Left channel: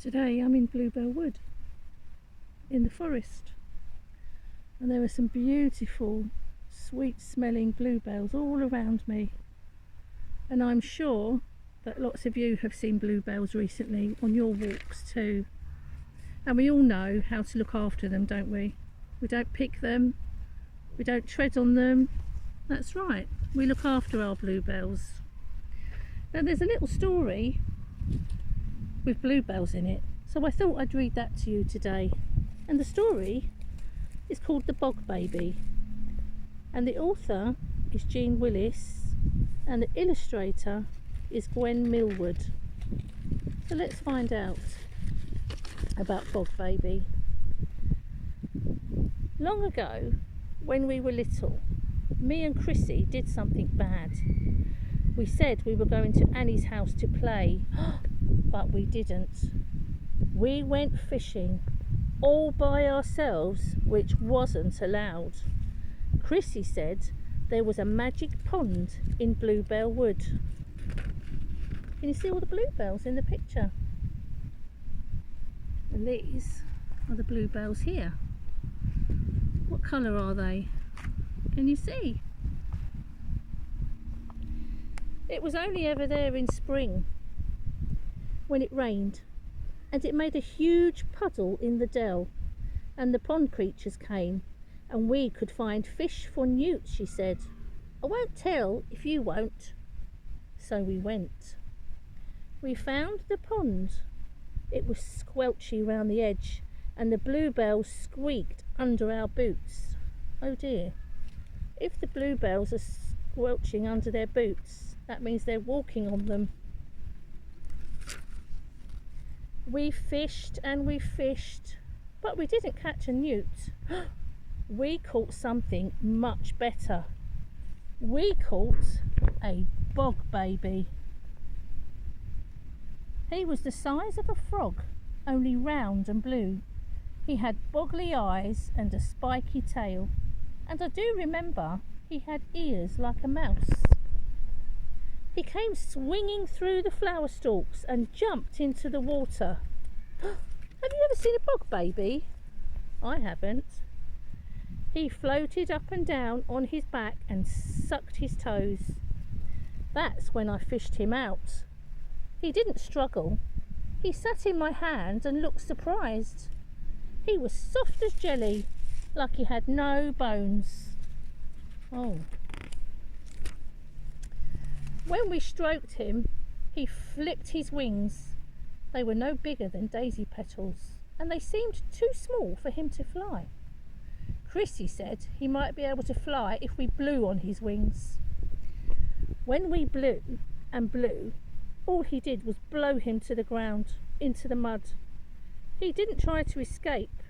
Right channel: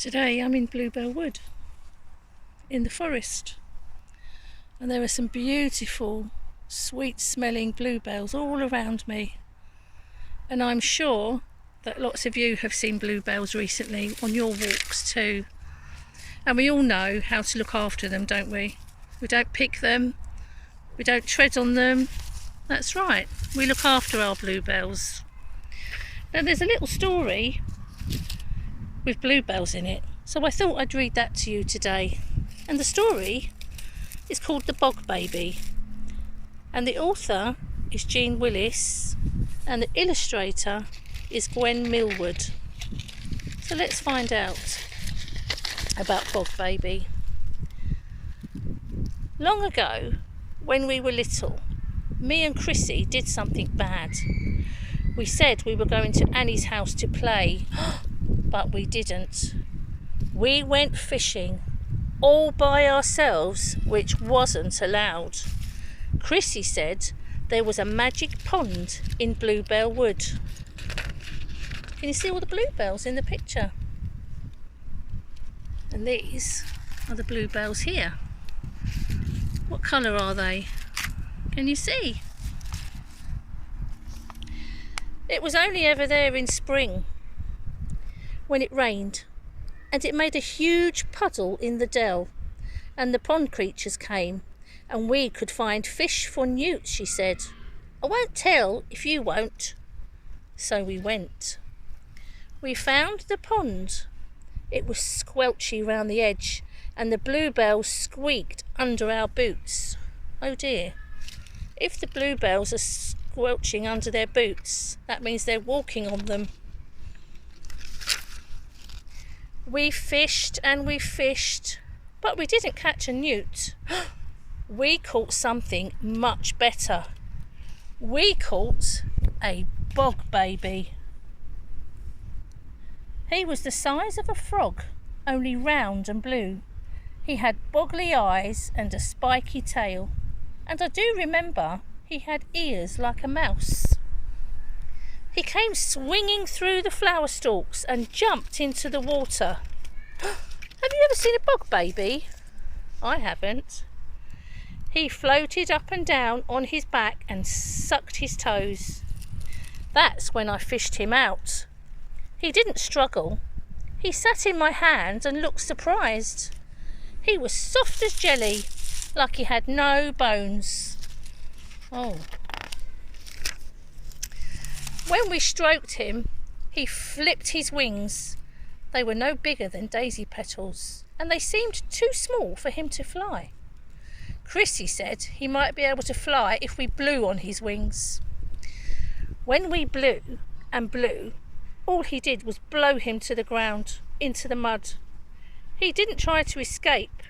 Today I'm in Bluebell Wood in the forest, and there are some beautiful sweet smelling bluebells all around me, and I'm sure that lots of you have seen bluebells recently on your walks too, and we all know how to look after them, don't we? We don't pick them, we don't tread on them. That's right, we look after our bluebells. Now there's a little story with bluebells in it, so I thought I'd read that to you today. And the story is called The Bog Baby, and the author is Jean Willis and the illustrator is Gwen Millward. So let's find out about Bog Baby. Long ago, when we were little, me and Chrissy did something bad. We said we were going to Annie's house to play, but we didn't. We went fishing all by ourselves, which wasn't allowed. Chrissy said there was a magic pond in Bluebell Wood. Can you see all the bluebells in the picture? And these are the bluebells here. What colour are they? Can you see? It was only ever there in spring when it rained, and it made a huge puddle in the dell, and the pond creatures came, and we could find fish for newts, she said. I won't tell if you won't. So we went. We found the pond. It was squelchy round the edge, and the bluebells squeaked under our boots. Oh dear. If the bluebells are squelching under their boots, that means they're walking on them. We fished and we fished, but we didn't catch a newt. We caught something much better. We caught a bog baby. He was the size of a frog, only round and blue. He had boggly eyes and a spiky tail, and I do remember he had ears like a mouse. He came swinging through the flower stalks and jumped into the water. Have you ever seen a bog baby? I haven't. He floated up and down on his back and sucked his toes. That's when I fished him out. He didn't struggle. He sat in my hand and looked surprised. He was soft as jelly, like he had no bones. Oh. When we stroked him, he flipped his wings. They were no bigger than daisy petals, and they seemed too small for him to fly. Chrissy said he might be able to fly if we blew on his wings. When we blew and blew, all he did was blow him to the ground, into the mud. He didn't try to escape.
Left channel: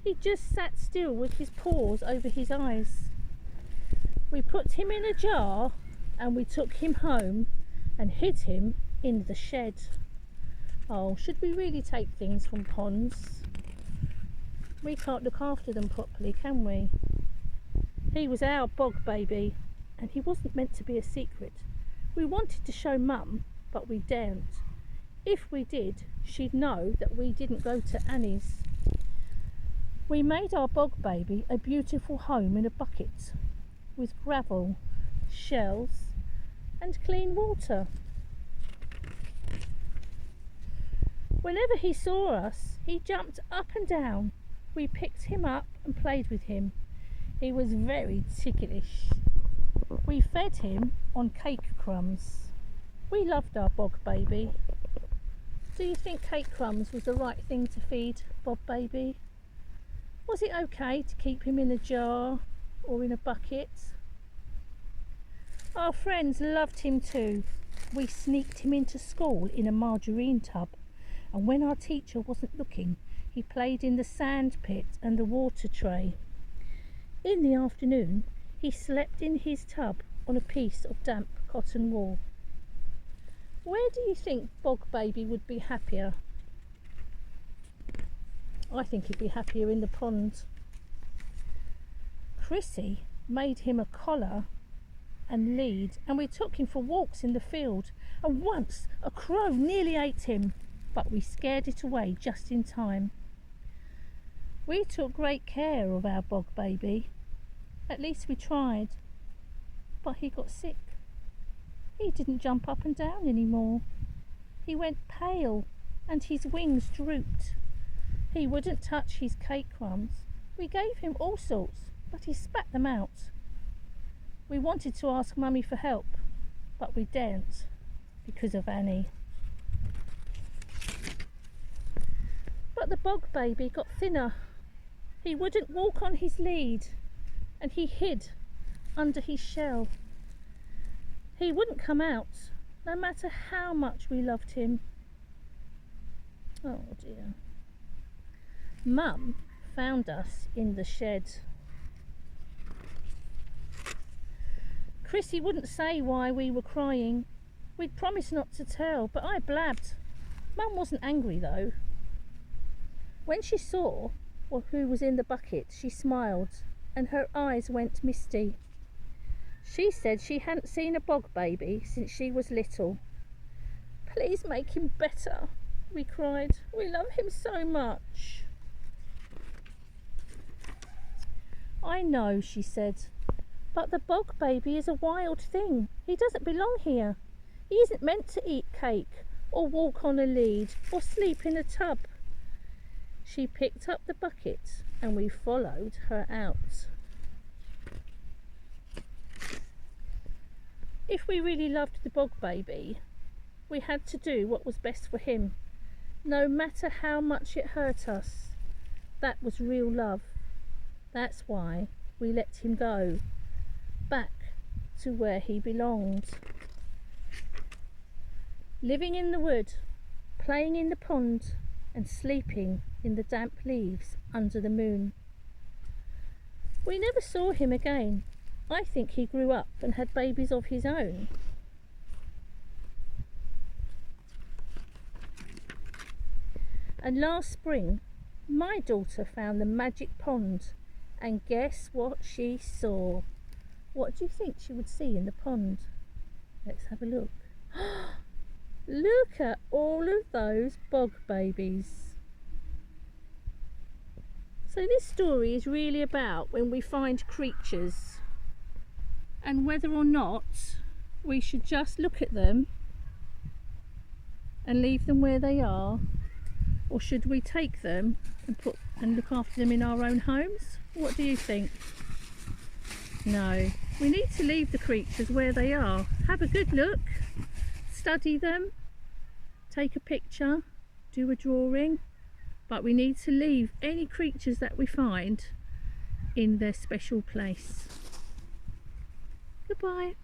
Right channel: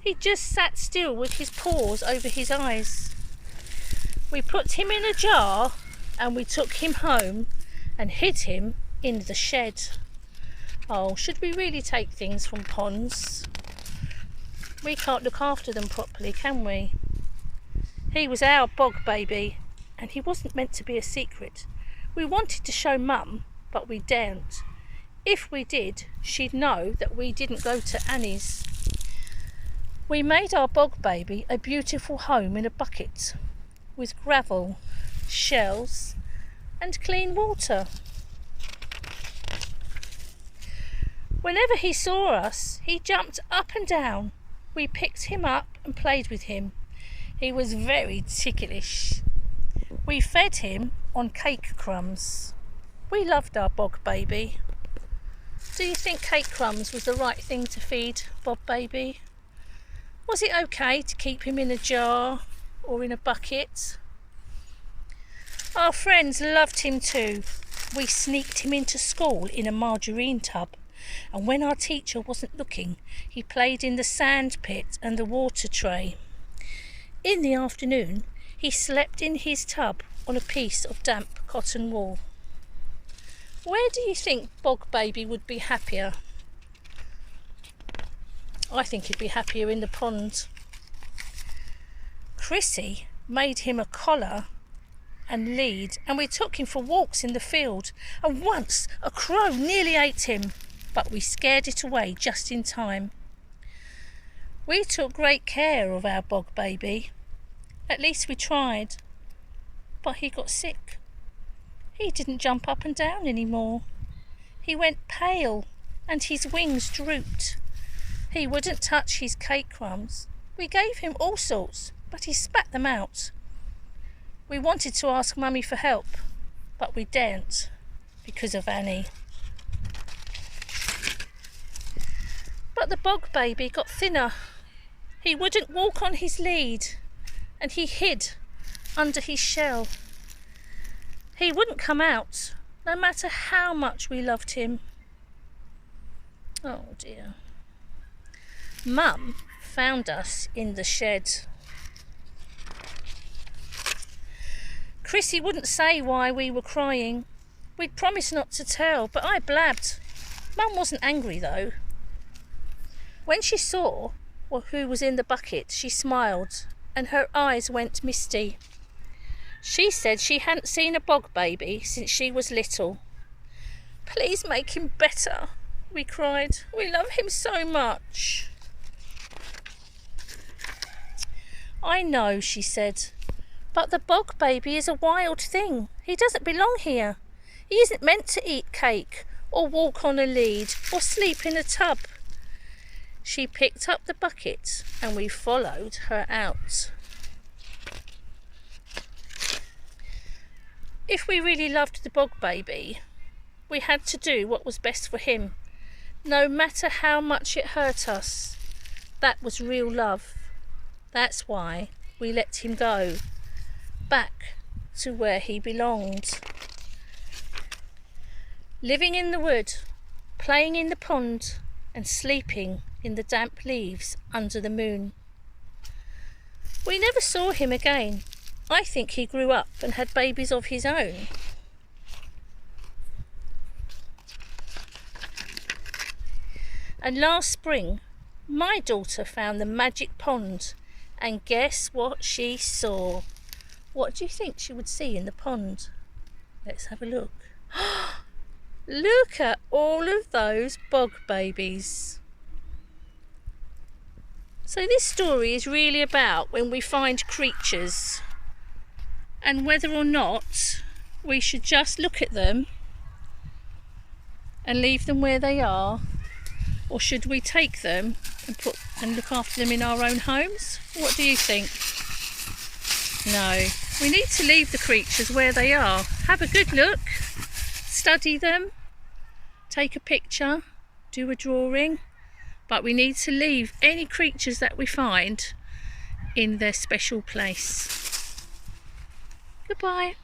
He just sat still with his paws over his eyes. We put him in a jar and we took him home and hid him in the shed. Oh, should we really take things from ponds? We can't look after them properly, can we? He was our bog baby, and he wasn't meant to be a secret. We wanted to show Mum, but we daren't. If we did, she'd know that we didn't go to Annie's. We made our bog baby a beautiful home in a bucket with gravel, shells and clean water. Whenever he saw us, he jumped up and down. We picked him up and played with him. He was very ticklish. We fed him on cake crumbs. We loved our bog baby. Do you think cake crumbs was the right thing to feed Bog Baby? Was it okay to keep him in a jar or in a bucket? Our friends loved him too. We sneaked him into school in a margarine tub, and when our teacher wasn't looking, he played in the sand pit and the water tray. In the afternoon, he slept in his tub on a piece of damp cotton wool. Where do you think Bog Baby would be happier? I think he'd be happier in the pond. Chrissy made him a collar and lead, and we took him for walks in the field, and once a crow nearly ate him. but we scared it away just in time. We took great care of our bog baby. At least we tried. But he got sick. He didn't jump up and down anymore. He went pale and his wings drooped. He wouldn't touch his cake crumbs. We gave him all sorts, but he spat them out. We wanted to ask Mummy for help, but we daren't because of Annie. But the bog baby got thinner. He wouldn't walk on his lead, and he hid under his shell. He wouldn't come out, no matter how much we loved him. Oh dear. Mum found us in the shed. Chrissy wouldn't say why we were crying. We'd promised not to tell, but I blabbed. Mum wasn't angry though. When she saw who was in the bucket, she smiled and her eyes went misty. She said she hadn't seen a bog baby since she was little. Please make him better, we cried. We love him so much. I know, she said, but the bog baby is a wild thing. He doesn't belong here. He isn't meant to eat cake or walk on a lead or sleep in a tub. She picked up the bucket and we followed her out. If we really loved the bog baby, we had to do what was best for him, no matter how much it hurt us. That was real love. That's why we let him go, back to where he belonged. Living in the wood, playing in the pond, and sleeping in the damp leaves under the moon. We never saw him again. I think he grew up and had babies of his own. And last spring, my daughter found the magic pond, and guess what she saw? What do you think she would see in the pond? Let's have a look. Look at all of those bog babies. So this story is really about when we find creatures and whether or not we should just look at them and leave them where they are, or should we take them and look after them in our own homes? What do you think? No, we need to leave the creatures where they are. Have a good look, study them, take a picture, do a drawing, but we need to leave any creatures that we find in their special place. Goodbye.